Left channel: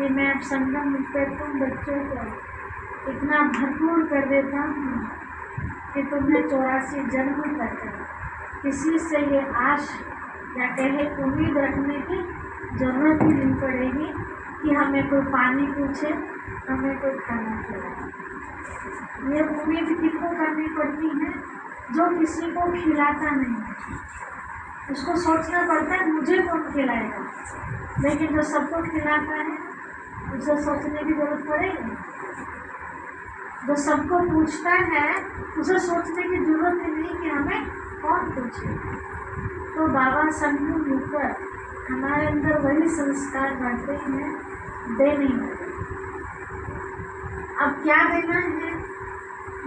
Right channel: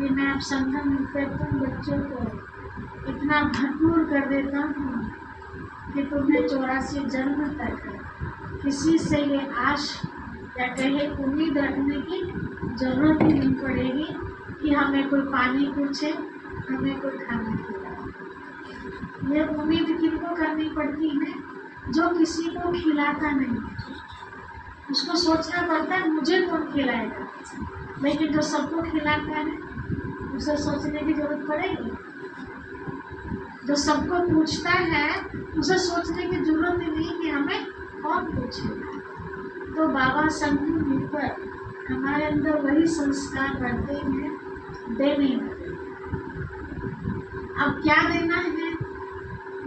कि मैं अब संगम पे तुम बच्चों को इतना भरपूर कर देता हूँ कि तुम्हें 84 जन्म तक किसी से ये आश या कहे उम्मीद रखने की जरूरत ही नहीं पड़ेगी कि हमें कोई पानी पूछे, हमें कोई खाना खिलाए। ये उम्मीद किसको करनी पड़ती है? जो किसी को खिलाता नहीं है, उसको सोचना पड़ता है मुझे कौन खिलाएगा। लेकिन जो सबको खिलाता है उसे सोचने की जरूरत पड़ेगी। जो सबको पूछता है उसे सोचने की जरूरत ही नहीं कि हमें कौन पूछेगा। तो बाबा संगम ऊपर हमारे अंदर वही संस्कार बढ़ते हैं देने वाले। अब क्या देना है,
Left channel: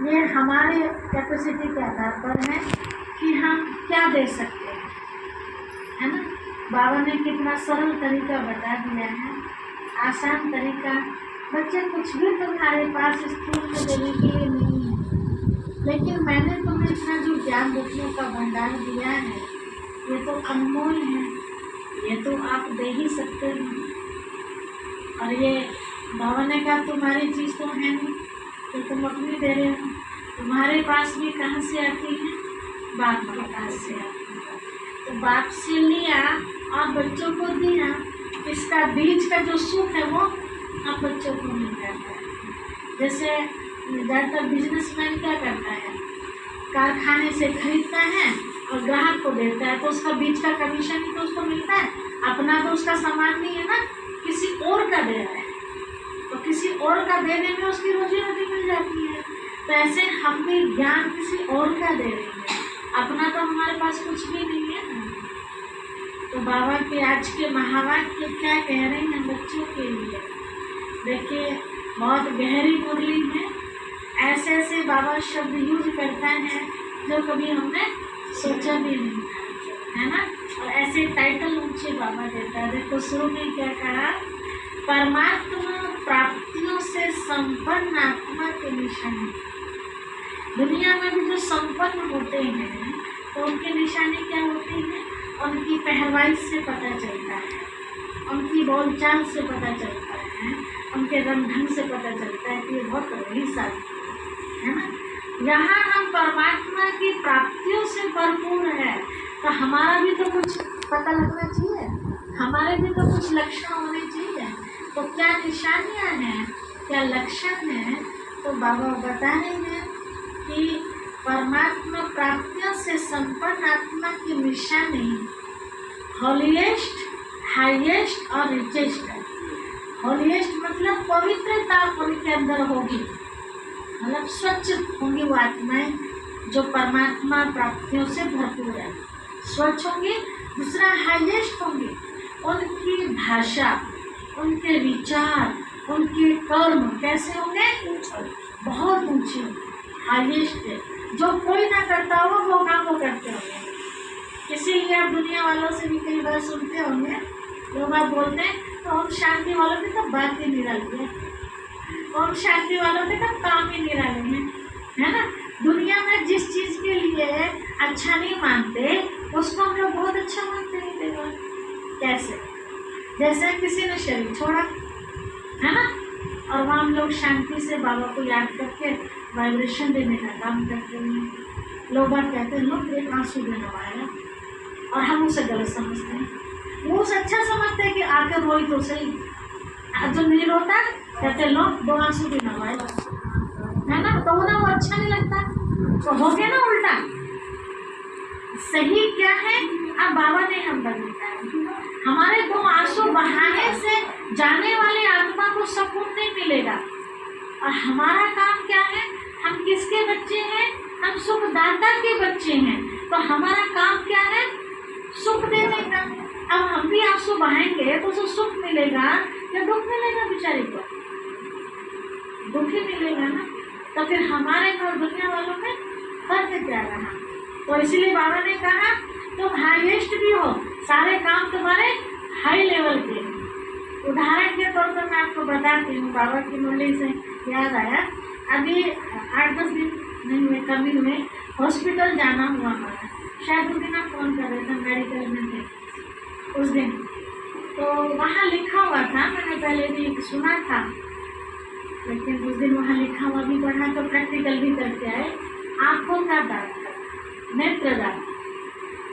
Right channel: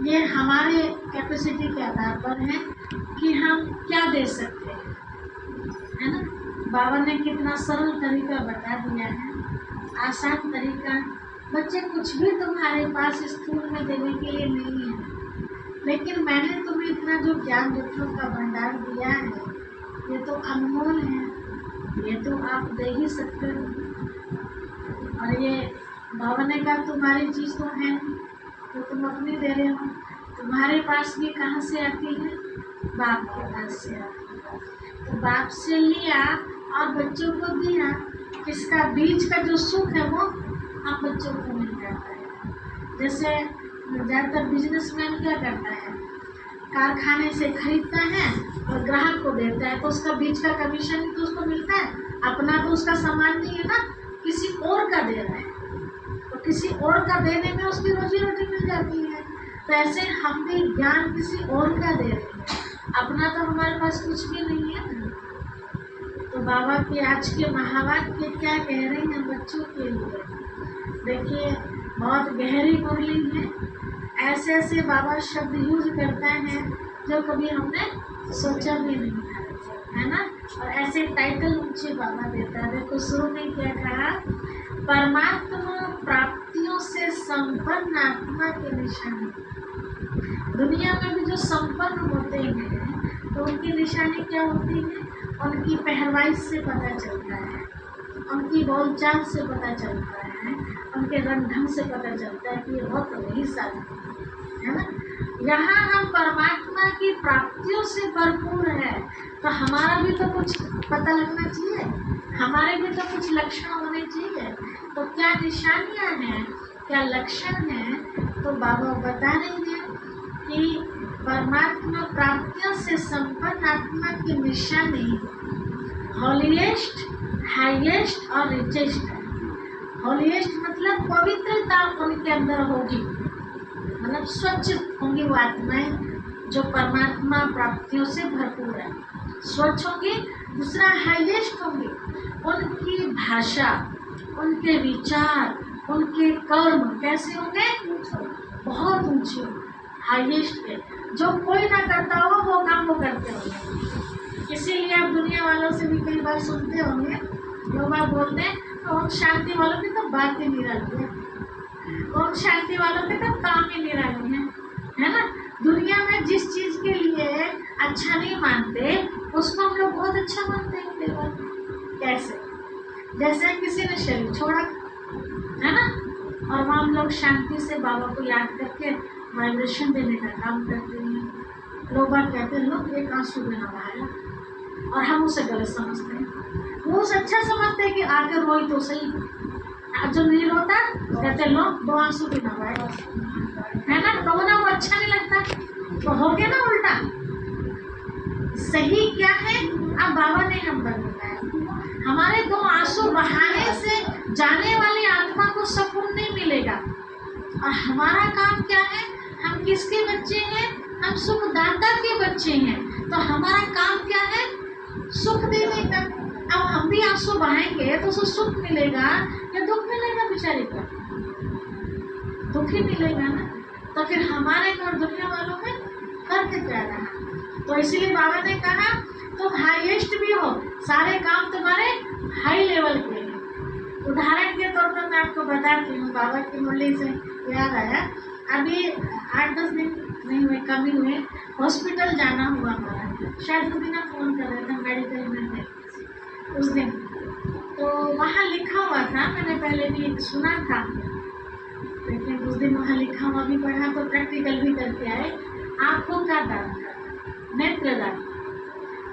ये हमारे कैपेसिटी के आधार पर है कि हम क्या दे सकते हैं, है ना। बाबा ने कितना सरल तरीका बता दिया है, आसान तरीका। बच्चे कुछ भी तुम्हारे पास स्कूल में देने के लिए नहीं है, लेकिन मैंने तुम्हें इतना जो ज्ञान रत्नों का भंडार दिया है ये तो अनमोल है, ये तो आप दे ही सकते हैं। और ये बाबा ने कहा तुम्हारी चीज़ तो है नहीं तो तुम अपनी दे रहे हो। तुम्हारे पास भी कहाँ से आती है? बाप के पास से आती है। तो बाप से लिया और बच्चों को दिया, इसका बीज का जो सुख है वो आप बच्चों को मिल जाता है। जैसे ज़्यादातर बिजनेसमैन क्या करता है, कारखाने से खरीदता है और ग्राहक को देता है, तो उसका बीज का कमीशन ही तो उसको मिलता है। अपना तो उसका सामान नहीं है ना, किसी और का दे रहा है, तो किसी और का देने में उसकी रोजी रोटी मिल जाती है। तो ऐसे हम भी ज्ञान किसी और का दे रहे हैं, अपना तो हमारे पास कुछ भी नहीं है। तो बाबा के आज के महावाक्य क्या कह रहे हैं बच्चों के लिए, देखिए बहुत गहरी मुरली है। ऐसे ऐसे बाबा शब्द यूज करता है जो कभी हमने सोचा भी नहीं था, है ना। और ऐसे टाइटल ऊंचे बाबा देता है। देखो शुरू में क्या कहा, परमात्मा प्राप्तियों से संपन्न आत्मा के निशानी। दुनिया में भी जो संपन्न होते हैं तो उनकी निशानी क्या होती है? उनकी पहरवाई से पता चलता है, उनकी बोलचाल से पता चलता है, उनके रंग ढंग से पता चलता है कि बहुत बड़ी सारी है ना। यहाँ हम परमात्मा की प्राप्तियों से भरपूर है, तो हमारा भी तो कुछ पता लगना चाहिए, हमारे भी तो कुछ लक्षण होने चाहिए। तो क्या निशानियाँ हैं, क्या लक्षण हैं? तो बाबा बता रहे हैं कि परमात्मा प्राप्तियों से संपन्न आत्मा की निशानी हॉलीएस्ट, हाईएस्ट और रिचेस्ट है। हॉलीएस्ट मतलब पवित्रता उनके अंदर होगी, मतलब स्वच्छ होंगी वो आत्माएं जो परमात्मा प्राप्तियों से भरपूर है, स्वच्छ होंगी। दूसरा हाईएस्ट होंगी, उनकी भाषा, उनके विचार, उनके कर्म कैसे होंगे? बहुत ऊंचे, हाईएस्ट है। जो कोई ना करता हो वो काम वो करते होंगे। इसीलिए आप दुनिया वालों से भी कई बार सुनते होंगे, लोग बात बोलते हैं तो ओम शांति वालों की तो बात ही निराली है, ओम शांति वालों के तो काम ही निराली है ना। दुनिया में जिस चीज़ के लिए अच्छा नहीं मानते उसको हम लोग बहुत अच्छा मानते हैं केवल। कैसे? जैसे किसी ने शरीर छोड़ा है ना, और वहाँ हम लोग शांति से बाबा को याद करके वाइब्रेशन देने का काम करते हैं। लोग बात कहते हैं लोग एक आंसू देना आया, और हम उसे गलत समझते हैं। वो उसे अच्छा समझते हैं कि आकर रोई तो सही, जो नहीं रोता कहते लोग 2 आंसू भी नवाए, है ना। तो उन्हें वो अच्छा नहीं लगता, तो हो गया ना उल्टा। सही क्या है? अब बाबा ने हम पर बताया, हमारे 2 आंसू बहाने से जाने वाली आत्मा को सुकून नहीं मिलेगा। और हमारा काम क्या है? हम किसके बच्चे हैं? हम सुखदाता के बच्चे हैं। तो हमारा काम क्या है? सुख देने का। अब हम भी आंसू बहाएंगे तो उसे सुख मिलेगा या दुख मिलेगा? बेचारे को दुख ही मिलेगा ना। तो फिर हमारे और दुनिया वालों में फर्क क्या रहा? तो इसीलिए बाबा ने कहा तुम हाईएस्ट भी हो, सारे काम तुम्हारे हाई लेवल के। उदाहरण के तौर पर मैं आपको बताती हूँ, बाबा की मुरली से याद आया। अभी 8-10 दिन नहीं हुए, कम ही हुए, हॉस्पिटल जाना हुआ हमारा। शायद उस दिन आप फ़ोन कर रहे थे, मेडिकल में थे उस दिन। तो वहाँ लिखा हुआ था, मैंने पहले भी सुना था, लेकिन उस दिन वहाँ लिखा हुआ भी पढ़ा तो प्रैक्टिकल भी करके आए। आँखों का दान, नेत्रदान।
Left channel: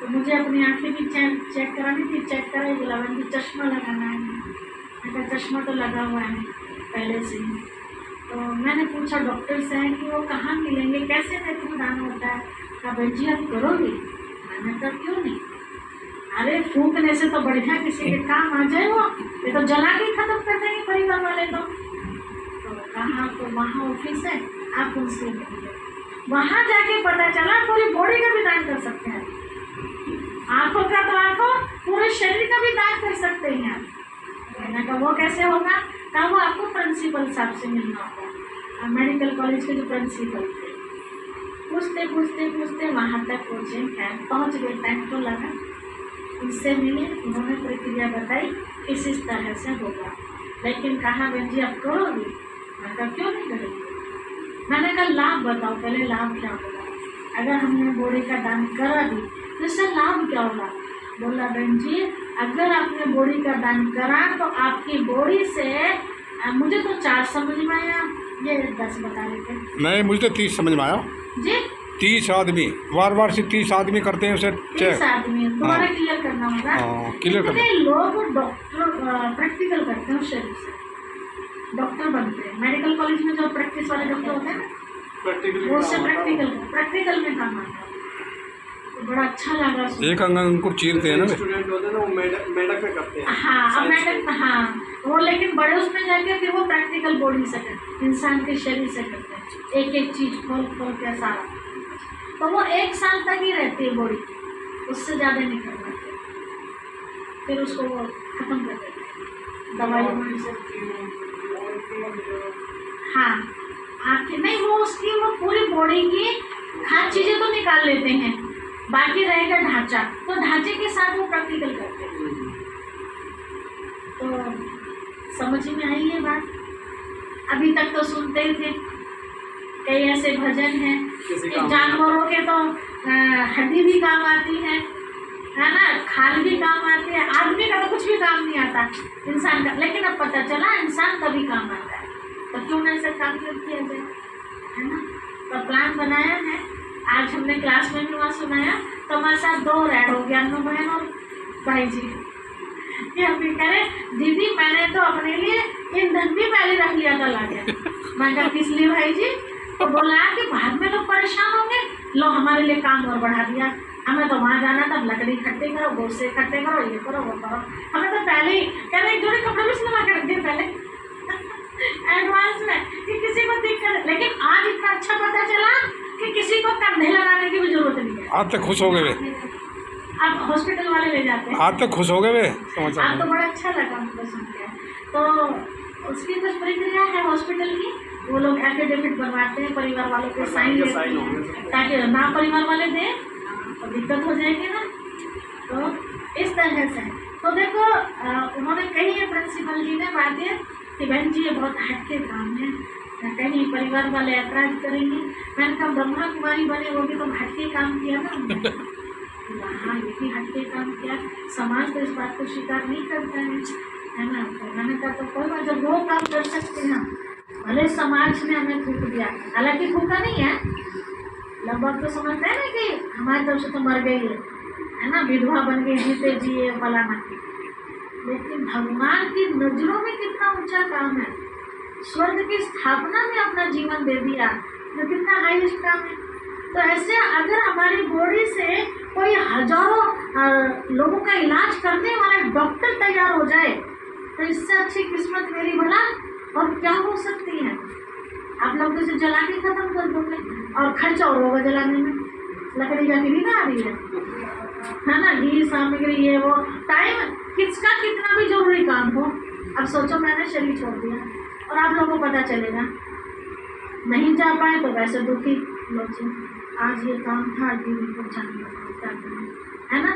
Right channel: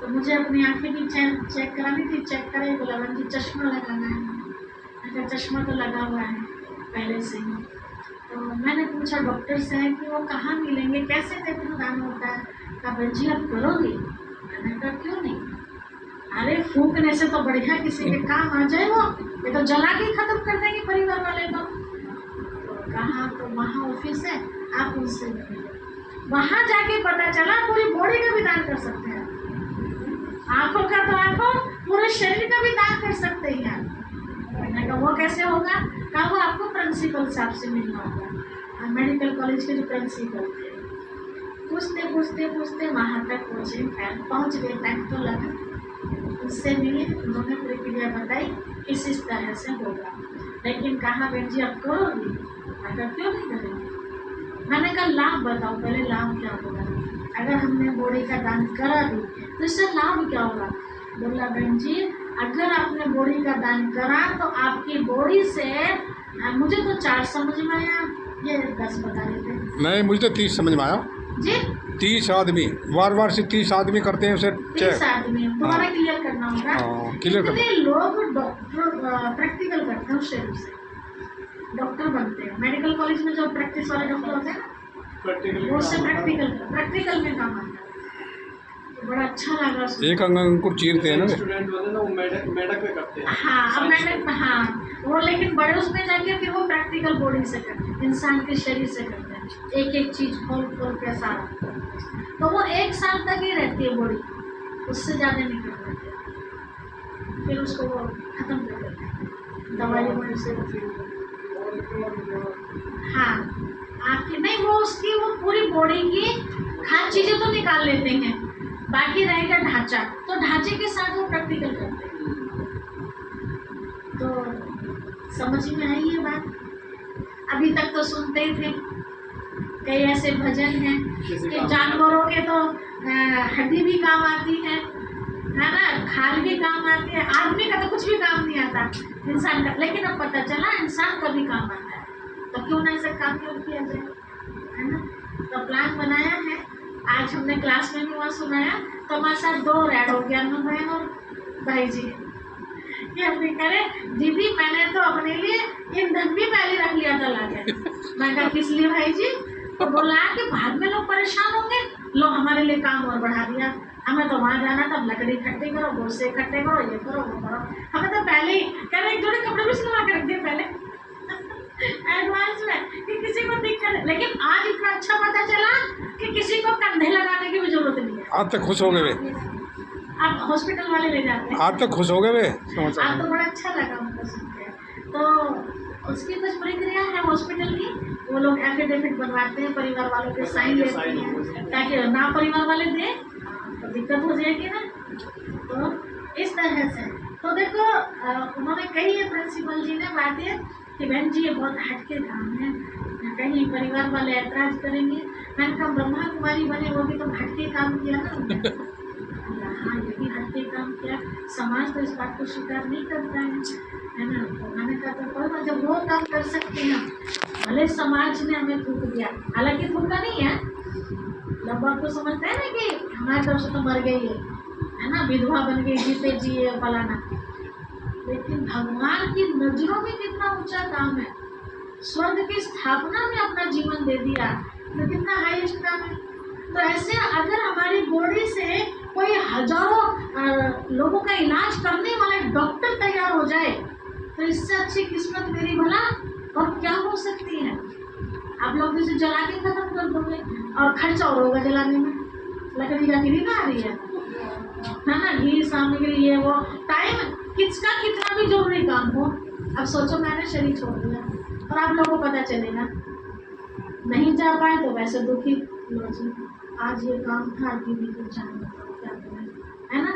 तो मुझे अपनी आँखें भी चेक करानी थी। चेक कराई, बोला मुझे चश्मा लगाना है। मेरा चश्मा तो लगा हुआ है पहले से ही। तो मैंने पूछा डॉक्टर से है कि वो कहाँ मिलेंगे, कैसे नेत्रदान होता है? कहा बहन जी आप करोगी? मैंने कहा क्यों नहीं, अरे फूकने से तो बढ़िया किसी के काम आ जाए, वो ये तो जला के खत्म कर देंगे परिवार वाले। तो कहा तो वहाँ ऑफिस है, आप उनसे मिलिए। वहाँ जाके पता चला पूरी बॉडी का भी दान कर सकते हैं। आंखों का तो आंखों, पूरे शरीर का भी दान कर सकते हैं आप। मैंने कहा वो कैसे होगा? कहा वो आपको प्रिंसिपल साहब से मिलना होगा, मेडिकल कॉलेज के जो प्रिंसिपल थे। पूछते पूछते पूछते वहाँ तक पहुँचे, खैर पहुँच गए, टाइम तो लगा। उससे मिले, उन्होंने प्रक्रिया बताई इस तरह से होगा। लेकिन कहा बहन जी आप करोगी? मैं कहा क्यों नहीं करेंगे। मैंने कहा लाभ बताओ पहले, लाभ क्या होगा? अगर हमने बॉडी का दान करा दी तो इससे लाभ क्या होगा? बोला बहन जी अगर आपने बॉडी का दान करा तो आपकी बॉडी से, मुझे तो 4 समझ में आया, ये 10 बता लेते। नहीं मुझे तो 30 समझ में आया जी। 30 आदमी बार से 30 आदमी करते हैं उसे 30 आदमी दोबारा क्लियर करना होगा। क्लियर करना। लोग डॉक्टर प्रैक्टिकल करते हैं शरीर से, डॉक्टर बनते हैं। मेडिकल कॉलेज में जो प्रैक्टिस वाले डॉक्टर होते हैं ना, वो से प्रैक्टिकल में काम आता है। तो बड़ा अच्छा लगा। एक अंकुर चीरते हैं ना स्टूडेंट होते हैं ना, वो मेडक पे करते हैं। हाँ अब मेडक, हाँ वो, लेकिन बड़े उसमें जाके फिर वो प्रैक्टिकल बॉडी से करते हैं, इंसान के शरीर से करते हैं, एक एक चीज खोल खोल के सारा। तो वो 1 साल तक ही रहती है बॉडी, उससे ज़्यादा नहीं कर पाते, फिर उसको वो खत्म कर देते हैं दवाई वोड़ी से। हाँ आँखें नहीं, वो उसकी वो पूरी बॉडी की हर चीज़ें तो निकाल लेते हैं, बाकी रहेगा ढांचा, तो ढांचे के साथ वो प्रैक्टिकल करते हैं। तो समझ में आई ये बात? अभी तक तो सुनते ही थे। कई ऐसे भजन हैं कि जानवरों के तो हड्डी भी काम आती है ना, खाल भी काम आती है, आदमी का तो कुछ भी काम नहीं आता इंसान का। लेकिन अब पता चला इंसान का भी काम आता है, तो क्यों ना ऐसे काम किया जाए, है ना? तो प्लान बनाया है। आज हमने क्लास में भी वहाँ सुनाया, तो हमारे साथ 2 ऐड हो गया, अनु बहन और भाई जी। कि हम भी करें दीदी मैंने तो अपने लिए ईंधन भी पहले रख लिया था लाके। मैं कहा किस लिए भाई जी? तो बोला कि बाद में लोग परेशान होंगे, लो हमारे लिए काम और बढ़ा दिया। हमें तो वहाँ जाना था, लकड़ी इकट्ठे करो, गोश्त से इकट्ठे करो, ये करो वो करो। हमें तो पहले ही कह रहे 1 जोड़ी कपड़े भी सिलवा के रख दिए पहले एडवांस में, कि किसी को दिक्कत। लेकिन आज इतना अच्छा पता चला कि किसी को कंधे लगाने की भी जरूरत नहीं है। आज तक खुश हो गए वे, अब हॉस्पिटल वाले ले जाते हैं। आज तक खुश हो गए वे समाचार। आज तो बड़ा अच्छा लगा हमको सुन के। तो उसकी कुछ प्रक्रिया है हॉस्पिटल की, वो लोग एफिडेविट बनवाते हैं, परिवार वालों के साइन लेते हैं, ताकि ना परिवार वाले दें तो दिक्कत हो जाएगी ना। तो इस तरह से तो देखो उन्होंने कही है प्रिंसिपल जी ने बातें कि बहन जी ये बहुत हटके काम है, कहीं परिवार वाले ऐतराज करेंगे। मैंने कहा ब्रह्मा कुमारी बने वो भी तो हटके काम किया ना। हाँ ये भी हटके काम किया, समाज तो इस बात को स्वीकार नहीं करता है ना। तो मैंने कहा तो कोई बात, जब वो काम कर सकते हैं, भले समाज ने हमें थूक दिया, हालांकि थूका नहीं है, लगभग तो समझते हैं ना कि हमारी तरफ से तो मर गई है ना, विधवा बन गई, जीते जिए फलाना। लेकिन भगवान की नजरों में कितना ऊंचा काम है, स्वर्ग की स्थापना में अपना जीवन दे दिया, तो कितना हाईएस्ट काम है। तो ऐसे अगर हमारी बॉडी से कोई हजारों लोगों का इलाज करने वाला डॉक्टर तैयार हो जाए, तो इससे अच्छी किस्मत मेरी भला और क्या हो सकती है। आप लोग तो इसे जला के खत्म कर दोगे, और खर्चा और होगा जलाने में, लकड़ी का गिरी ना आ रही है ना, घी सामग्री ये वो, टाइम किसका कितना भी जरूरी काम हो। अब सोचो मैंने शरीर छोड़ दिया और आप लोगों को पता चलेगा, नहीं जा पाए तो वैसे दुखी लोग, आज ये काम था दीदी को जाने क्या करें, है ना।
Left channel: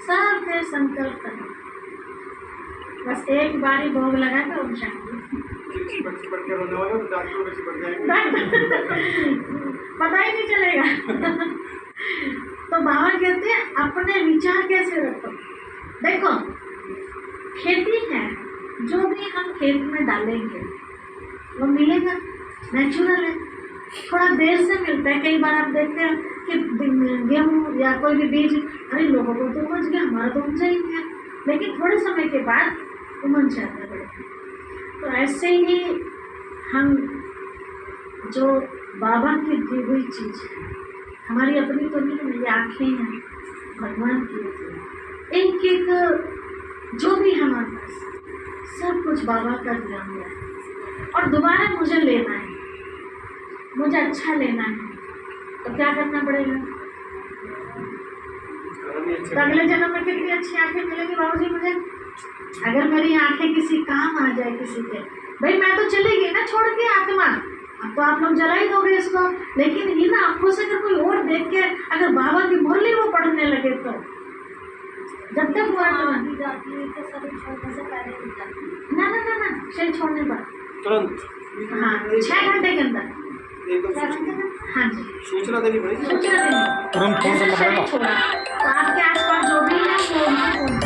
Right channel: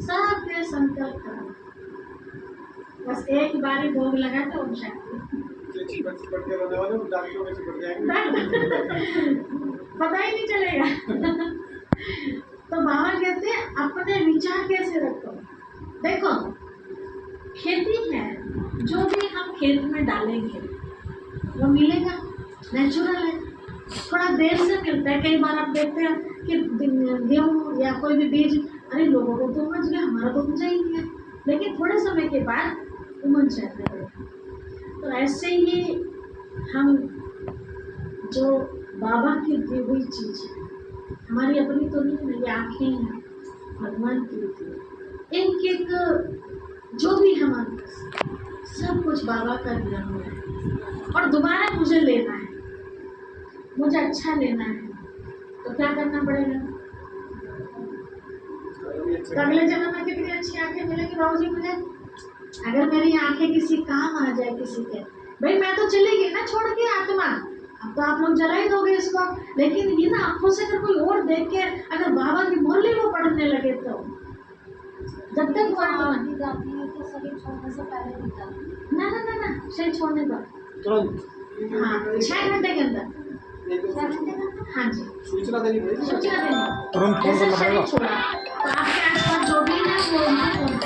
सब के संकल्प करें, बस एक बारी भोग लगा के उठ पता ही नहीं चलेगा। तो बाबा कहते हैं अपने विचार कैसे रखो। देखो खेती है, जो भी हम खेत में डालेंगे वो मिलेगा, नेचुरल है। थोड़ा देर से मिलता है, कई बार आप देखते हैं कि गेहूँ या कोई भी बीज, अरे लोगों को तो उमज गया, हमारा तो उमजा ही नहीं है, लेकिन थोड़े समय के बाद उमज जाता है। तो ऐसे ही हम जो बाबा की दी हुई चीज़ है, हमारी अपनी तो नहीं है, ये आँखें हैं भगवान की दी, एक एक जो भी हमारे पास सब कुछ बाबा का दिया हुआ है। और दोबारा मुझे लेना है, मुझे अच्छा लेना है, तो क्या करना पड़ेगा? तो अगले जन्म में कितनी अच्छी आंखें मिलेंगी बाबूजी मुझे, अगर मेरी आंखें किसी काम आ जाए किसी के। भाई मैं तो चली गई ना छोड़ के आत्मा, अब तो आप लोग जला ही दोगे इसको, लेकिन ये ना आंखों से अगर कोई और देख के अगर बाबा की मुरली वो पढ़ने लगे तो जब तक वो आत्मा तो शरीर छोड़ने से पहले निकलती ना ना ना ना शरीर छोड़ने पर तुरंत हाँ 6 घंटे के अंदर, एकदम 6 घंटे में हाँ जी सूचना देनी पड़ेगी। सूचना देनी। तुरंत फोन करना जैसे शरीर पड़ेगा। छोड़ा तो आपके आसपास जो भी है वो उनको फोन